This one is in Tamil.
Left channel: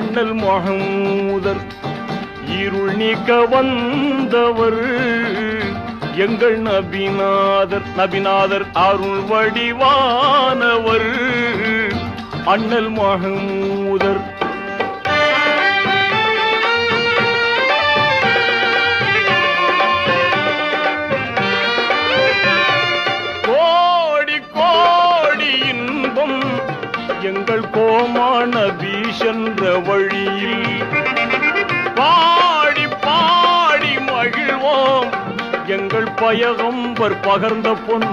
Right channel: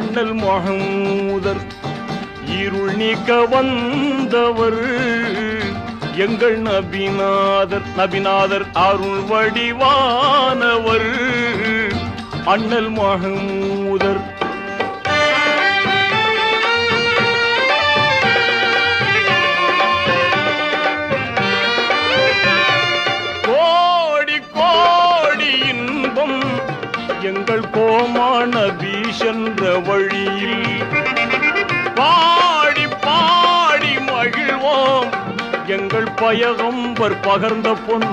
அண்ணல் மஹமூதர் இருள் நீக்க வந்தவர் எங்கள் நபிநாதர் அருள் வடிவானவர் அண்ணல் மஹமூதர். கோடி கோடி இன்பம் எங்கள் கோமான பீஷென்ற வழியில் பாடி பாடி மகிழ்வோம் எங்கள் பயகம்பர் பகர்ந்த பொன்